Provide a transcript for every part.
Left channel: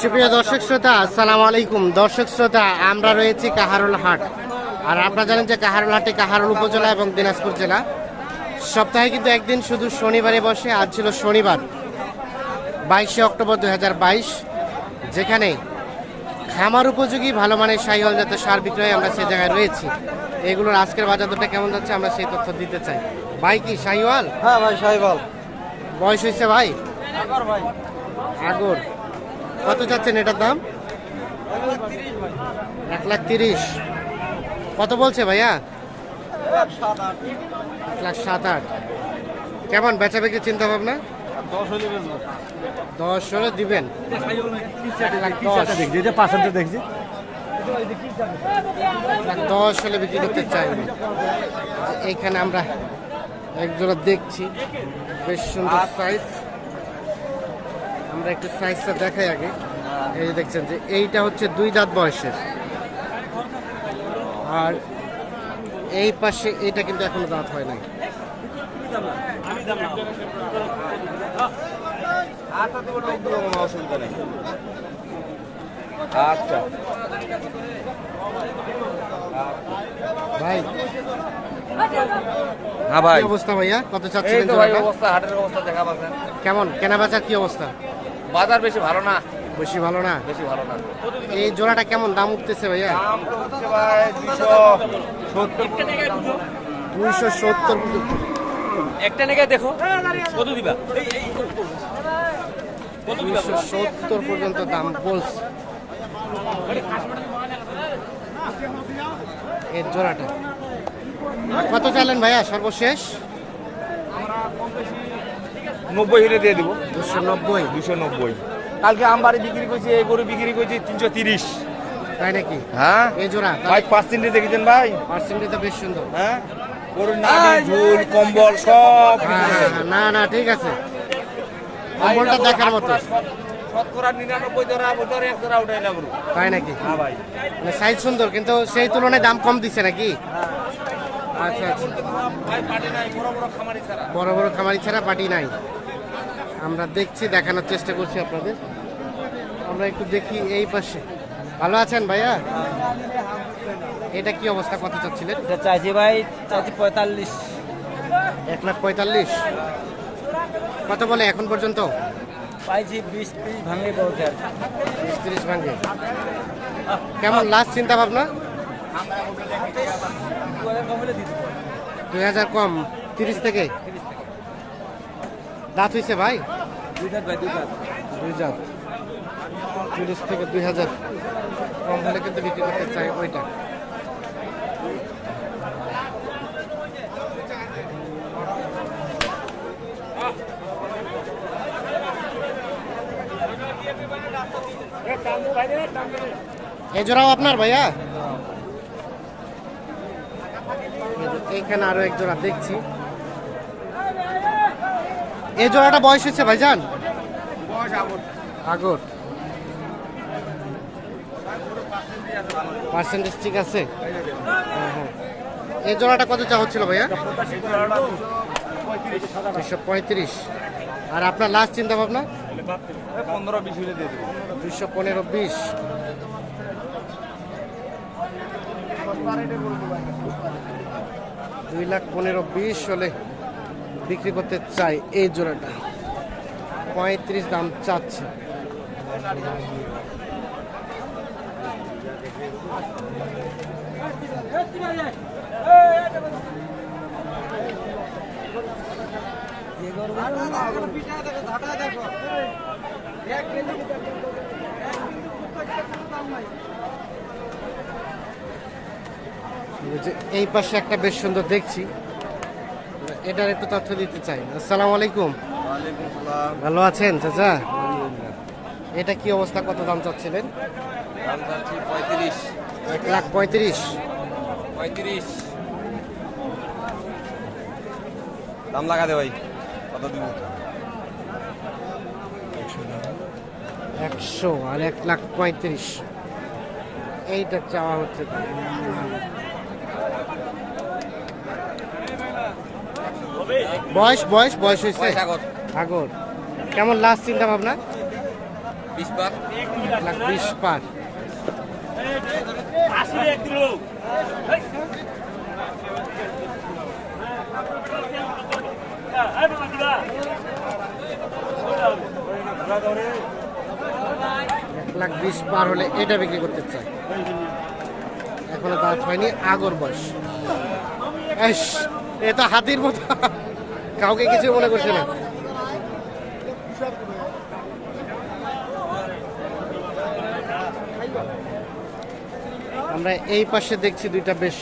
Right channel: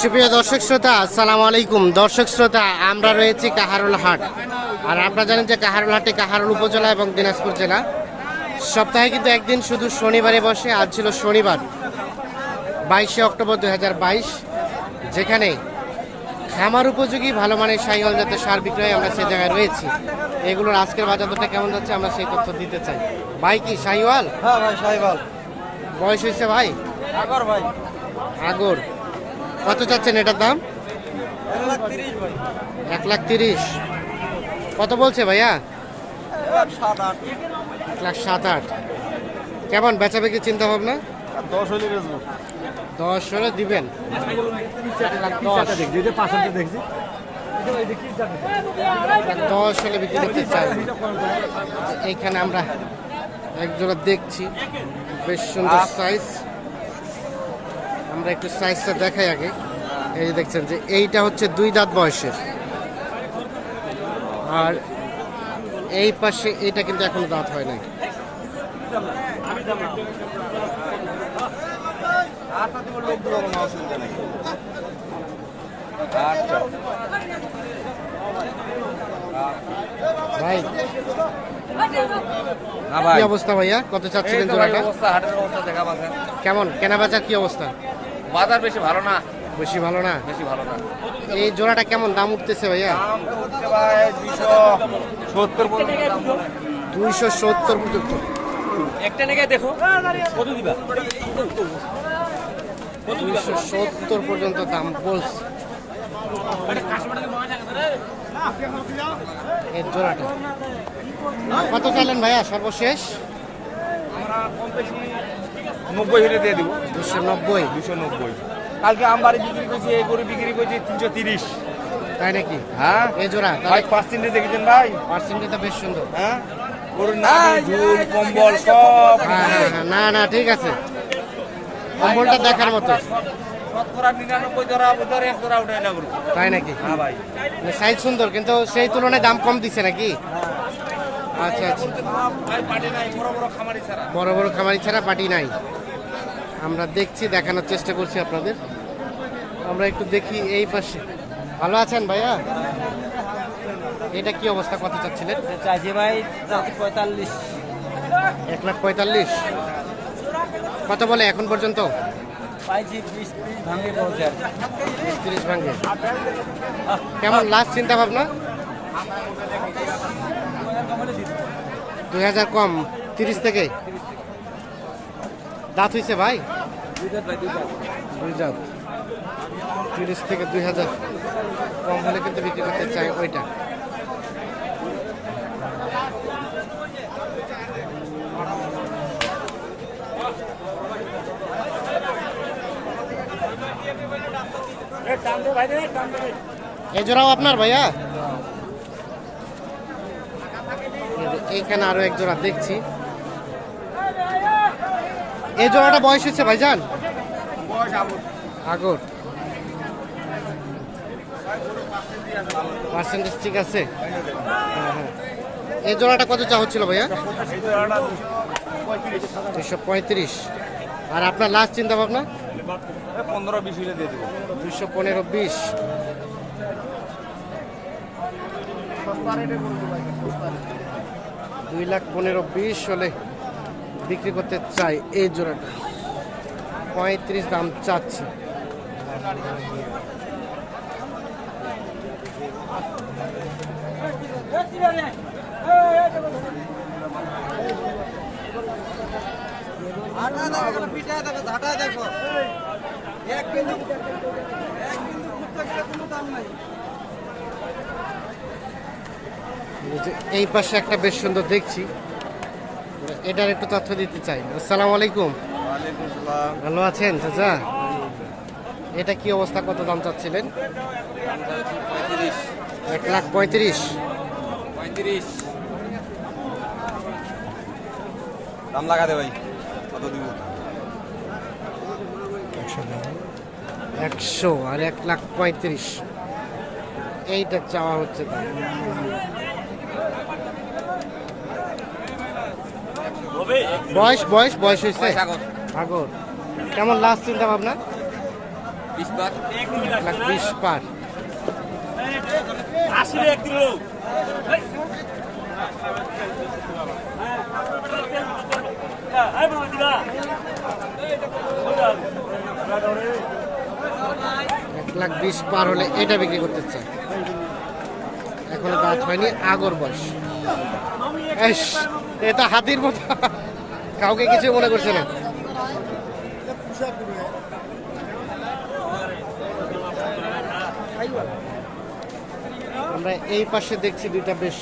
সুপ্রিয় দর্শক শ্রোতা আসসালামু আলাইকুম। দর্শক শ্রোতা আমরা রয়েছি কাহারুল হাট। আর আপনারা জানেন যে কাহারুল হাটে কাহারুল উপজেলা এবং দিনাজপুর জেলা। সপ্তাহে কিন্তু একদিন শুধু শনিবারে বসে আজ ছিল শনিবার বাইশে অক্টোবর দু হাজার বাইশ যেখানে খামার উপযোগী ভালো মানের সাইহল জাতের সার বিক্রয় আমরা সেই জায়গায় রয়েছি। এগুলোর আজকের বাজার দরটা কেমন যাচ্ছে আমরা সেই তথ্য দিতে চাই। ভাই কি সাইওয়াল হ্যাঁ ভাই সাহেবাল বয়স হয়েছে ভাই? ভাই। আগর। কত চাচ্ছেন এটার দাম? এক লাখ তিরিশ। কত বলছে ভাইয়া? এক লাখ সাত আট। কেমন বেচা বিক্রি চিন্তা ভাবনা? দশ হলে দিবেন। দশ। হলে বিক্রি করতে চাই এইখানে আমরা একজোড়া দেখছি। বেশ সুন্দর সাইজ আমরা একটু সাইজটা দেখাই আগে। এই যে দেখছেন যে এইটা হচ্ছে দুই দাঁত বয়সের। আর এই পাশে এটা কিন্তু এখনও দাঁত হয় নাই। ভাই হ্যাঁ কি অবস্থা ভাইয়া? কত চাচ্ছিলেন জোড়াটা? অবস্থা হাটের অবস্থা দেখা কেমন? কেনা বেচার কি অবস্থা? বাজার বেশি ভালো না। বেশি ভালো না? বেশি ভালো না। এই জোড়াটা কেমন? দাম উঠতেছে ভাইয়া? দুইশো সত্তর পর্যন্ত একটা নেগে দেখো। কত দিবা? দুইশো সত্তর পর্যন্ত দাম বলছে। এর জোড়াটা। কত চাইলেন ভাইয়া? সর্বশেষ? আমরা কম বেশি নব্বই হিরে দিয়ে দেবো। দুশো নব্বই? দুশো নব্বই। কালকে আমবাড়ি বিক্রি করছি এই গরু বিক্রি করছি তিনশো তিরিশ। তাই নাকি? হ্যাঁ। এই জোড়া তাহলে পার্সেন্টে দেখেছেন ভাই? পার্সেন্টেজ তো বেশ সুন্দর। হ্যাঁ? গরুর নাম ঝুল কম্বল সব। হ্যাঁ হ্যাঁ হ্যাঁ না না ঠিক আছে। কম্বলটা দেখার মতো। তাই নাকি? হ্যাঁ মানে সাইজ সুন্দর কিন্তু সেই তুলনায় দাম কম দিচ্ছে নাকি? আচ্ছা আচ্ছা। নাই বড় বড় খামারি ছাড়া। বড় বড় খামারি ছাড়া পাটি নাই। আমরা দেখছি দেখানোর চেষ্টা করছি আপনাদের। আমরা একটু দেখি এই পাশে। ভালো আছেন ভাইয়া? এটা কি অবস্থা? কত চাচ্ছিলেন? চাইছি ভাই চাইছি পঁয়তাল্লিশ। এক লাখ পঁয়তাল্লিশ। কত বলে এখন পর্যন্ত? বিশ ত্রিশ ভাঙে কেমন লাস্ট চিন্তা ভাবনা? দুই হাজার কম তিরিশ থেকে। দাঁত হয়েছে ভাই? দুই তিরিশ থেকে দুই হাজার। কম হলে কিন্তু বিক্রি করতে চাই ওইটা। এই জোড়াও আপনার ভাইয়া? এই যে এইখানে আরও এক জোড়া দেখছি। এই জোড়াটা বয়স হচ্ছে ভাইজান? আগর। পার্সেন্টেজ ঠিক আছে? হ্যাঁ হ্যাঁ। এই জোড়াটা কত চা হচ্ছিল ভাইয়া? দুশো পঁয়ত্রিশ। আর আপনার লাস্ট চিন্তা ভাবনা? পনেরো বিশ দুশো পনেরো বিশ। দুই লাখ পনেরো বিশ হলে বিক্রি করতে চাই এই জোড়াটা। পঁয়ত্রিশ দাম চাচ্ছে। এই পাশে একটা বেশ সুন্দর দেখছি। এটার একটু তথ্য দিতে চাই। আসসালামু আলাইকুম। ভালো আছেন চাচা? এটা কি অবস্থা? কত দাম চাচ্ছিলেন? এক লাখ পঁয়ত্রিশ। পঁয়ত্রিশ। দাম লাগা দে ভাই একশো আর এক লাখ পঁয়ত্রিশ। এইটা চাওয়া হচ্ছে দাম বয়স বয়স বয়স হয়েছে। সাগর। আগর কেমন লাস্ট চিন্তা ভাবনা এক লাখ বিশ পার। এক লাখ বিশ পার হলে এটা বিক্রি করতে চাই এখনও দাঁত হয়নি আগর বয়স। এস এটা হাতির মতো। কাউকে কিছু মনে করছে না। আমরা এই পাশে দেখছি দুইটা বেশ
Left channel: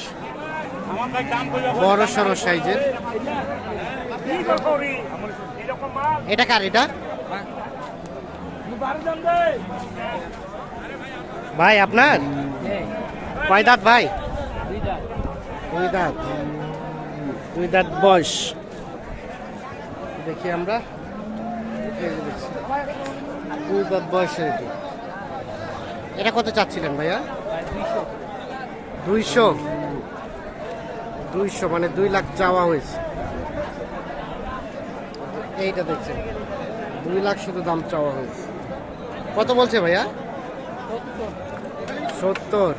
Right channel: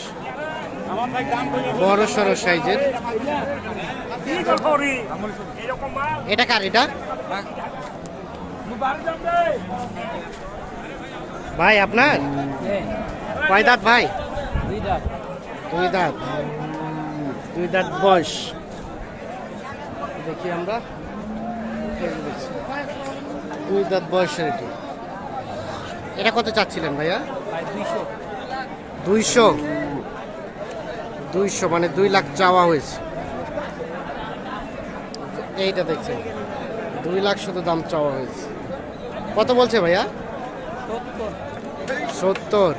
বড় সড়ো সাইজের। এটা কার এটা? ভাই আপনার? কয় দাঁত ভাই? দুই দাঁত। দুই দাঁত বয়স দেখি আমরা। দুই দাঁত বয়সের এটি এটা কত চাচ্ছিলেন ভাইয়া? দুইশো। দুইশো মানে দুই লাখ চাওয়া হয়েছে। এইটা দেখছেন। দুই লাখ শুধু দাম চাওয়া হয়েছে। কত বলছে ভাইয়া? সত্তর।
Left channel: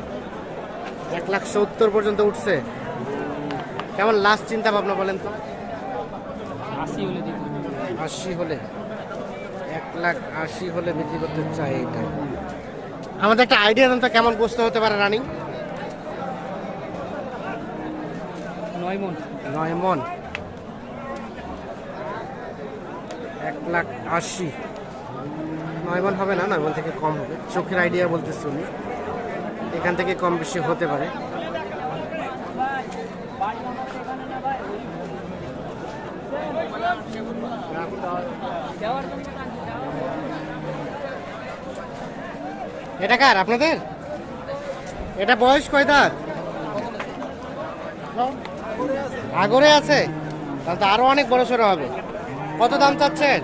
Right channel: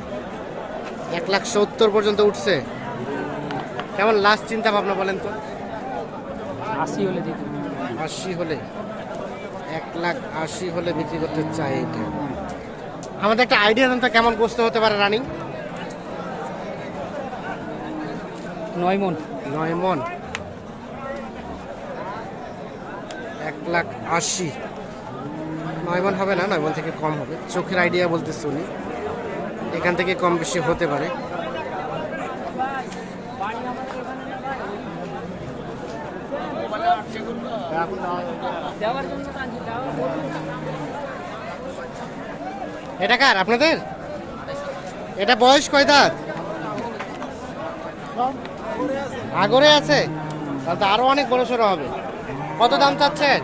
এক লাখ সত্তর পর্যন্ত উঠছে। কেমন লাস্ট চিন্তা ভাবনা বলেন তো? আশি হলে এক লাখ আশি হলে বিক্রি করতে চাই এটা। আমাদের একটা আইডিয়া দামটা কেমন গোস্ত হতে পারে রানিং? নয় মন। নয় মন। এক লাখ আশি। নয় মন হবে না নয় মন থেকে কম হবে। চোখের আইডিয়া বলতে শুনি এখান থেকে কম বেশি হতে পারে। এটা কার, আপনাদের? এটা বয়স কয় আগরে আছে। তাহলে তো আরও অনেক বড় সড়ো হবে। কত দাম চাচ্ছেন?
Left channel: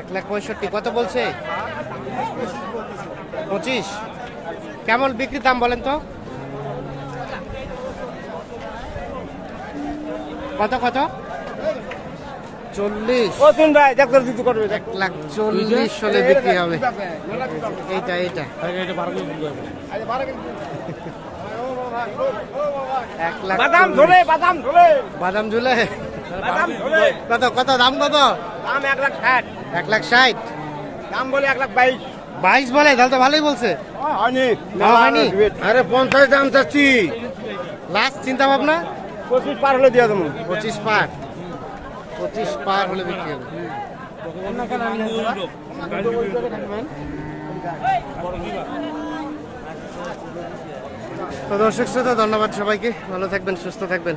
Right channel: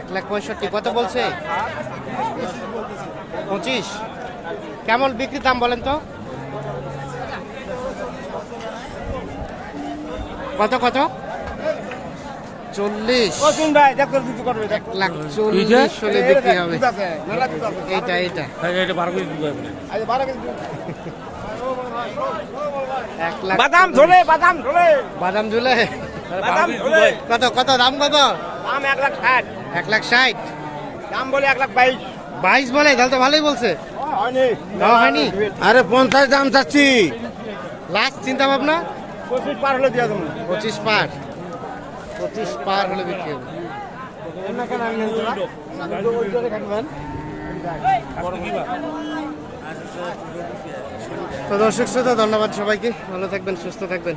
এক লাখ পঁয়ষট্টি, কত বলছে? পঁচিশ। কেমন বিক্রির দাম বলেন তো? কত কত? চল্লিশ। এক লাখ চল্লিশ হলে বিক্রি হবে। এইটা এইটা। এক লাখ বাদাম ঝুলে কত কত দাম কত? দাম এক লাখ ষাট। এক লাখ ষাট। দাম বলে এক লাখ বাইশ। বাইশ বলে তাহলে তো ভালোই বলছে। হয়নি? আরে পঞ্চাশ দাম চাচ্ছি। লাস্ট চিন্তা ভাবনা? পঁচিশ পার হলে দিয়ে দেবো। পঁচিশ পার। পঁচিশ পার হলে বিক্রি হবে। তো দর্শক শ্রোতা ধন্যবাদ সবাইকে। ভালো থাকবেন সুস্থ থাকবেন।